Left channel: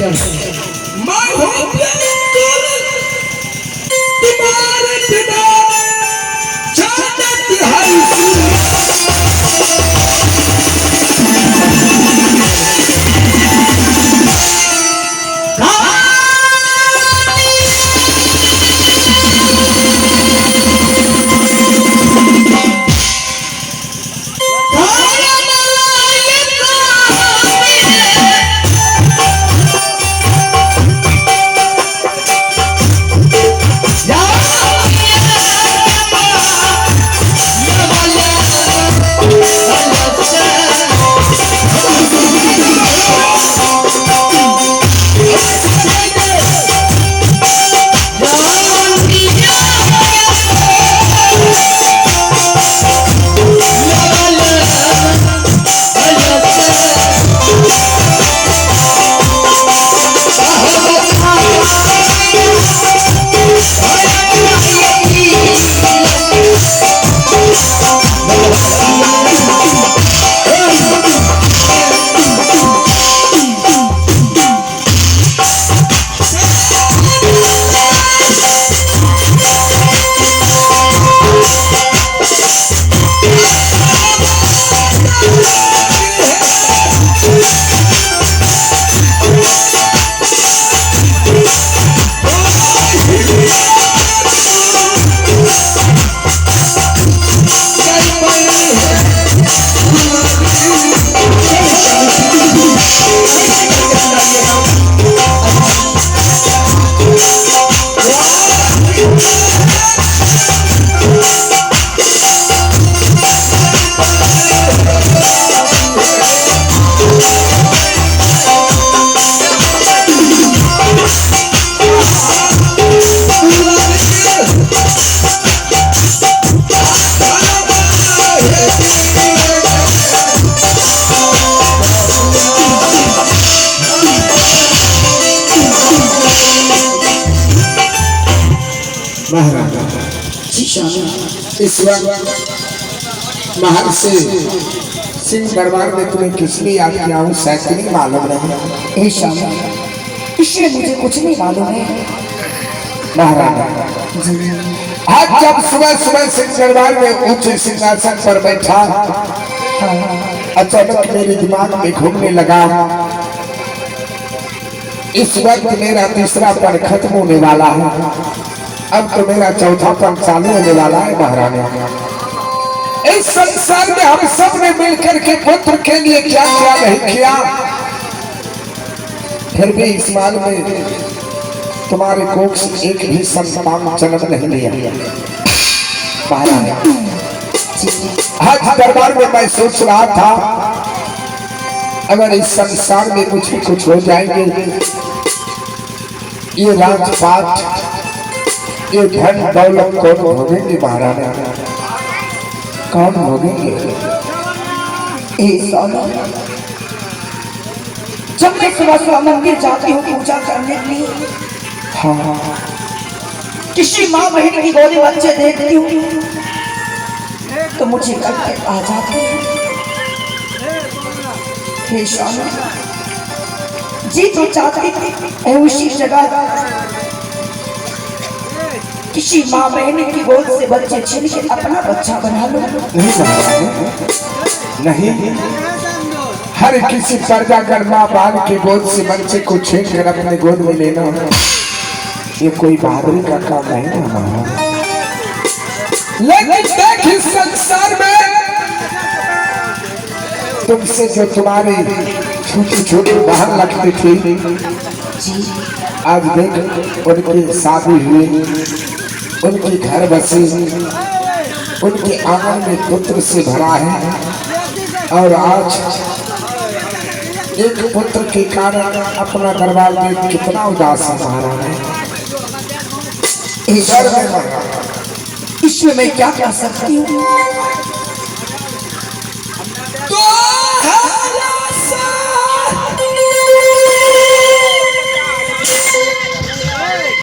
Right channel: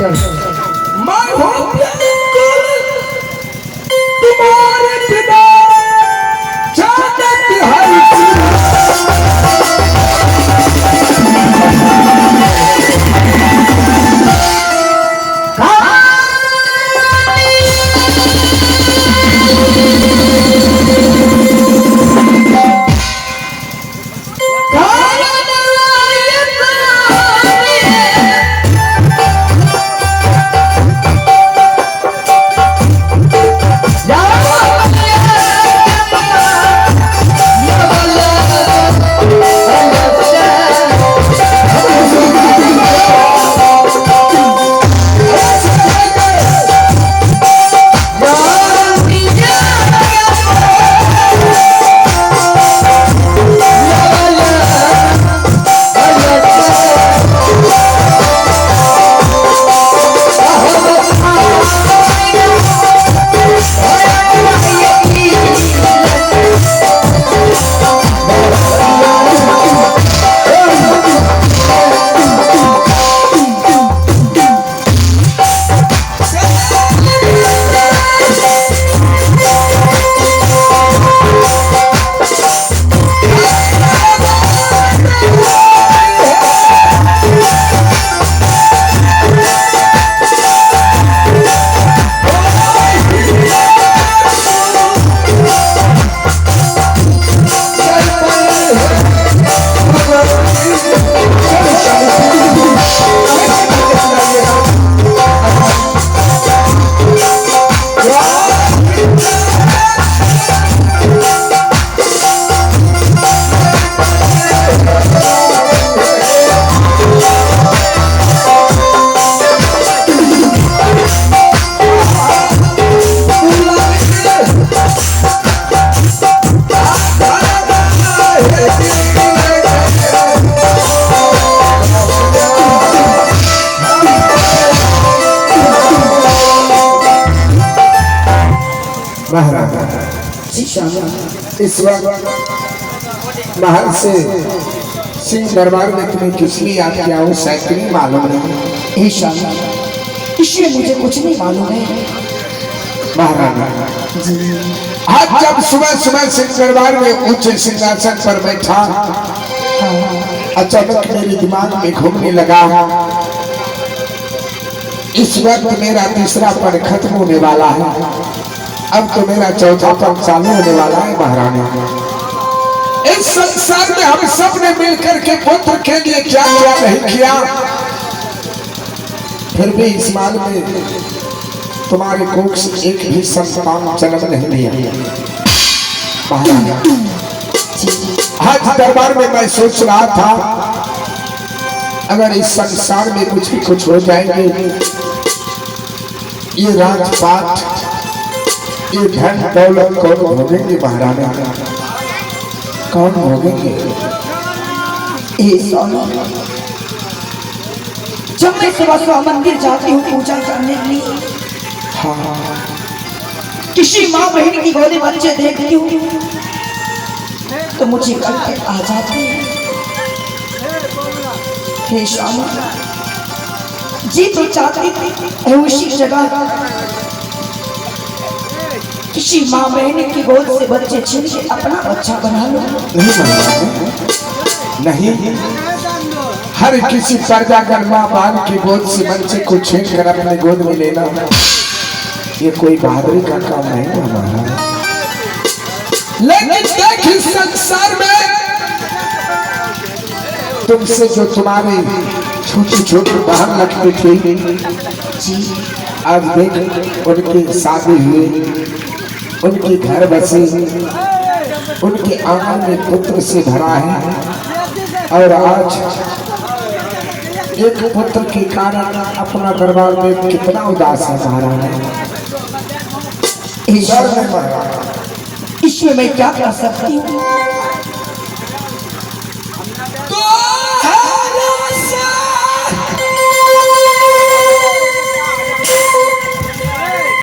मैं हूँ बिल्कुल तुम्हारे बिना जानत है इस वक्त महल से सिंह दरबार में तुम्हें किस लिए याद किया हूँ शायद नहीं मालूम नहीं। इसलिए मुझे कुछ नहीं मालूम है महाराणा। आज जब सुबह सुबह सिंह दरबार में ऊंचे सिंहासन पर बैठा अचानक मेरे दिमाग में घूमने लगा इस वक्त मेरा तीसरा पल खत्म होने वाला है, अब तो मेरा चौथा पल चालू होने वाला है। महारानी इस संसार में हम सब ने मिलकर के पुत्र के लिए क्या क्या नहीं किया, फिर भी इस माल में तुम्हारे कोख से एक भी संतान जन्म नहीं लिया। महारानी आज दरबार में मैं सोच रहा था अगर इस संसार में कुछ हो जाएंगे, ये राजपाट ये धन दौलत कौन भोगेंगे महारानी, कौन भोगेंगे? जब मैं सुबह सुबह मंदिर जाती हूँ पूजा करने के लिए, किसी माँ बहन की गोदी बच्चे देखती हूँ तो मुझे कल आ जाते हैं। हे स्वामी जी तो चाहती थी उसी जगह किसी माँ बहन की गोद से बच्चे छीन के अपना बच्चा बना लो। नहीं, हर किसी प्रजागण माँ बाप की गोद से बच्चे को छीन कर अपने गोद में लेना ये कोई बहादुरी का काम नहीं है हमारा। लेकिन देख इस संसार में तुमसे जो तुम्हारी छोटी छोटी बहन लगती थी आज देख उनकी शादी हुई, उनके घर बसे, उनके आंगन में पुत्र से भरा है और आज एक पुत्र के कारण अपना दरबार में कितना उदास है। इसमें मैं क्या कर सकती हूँ?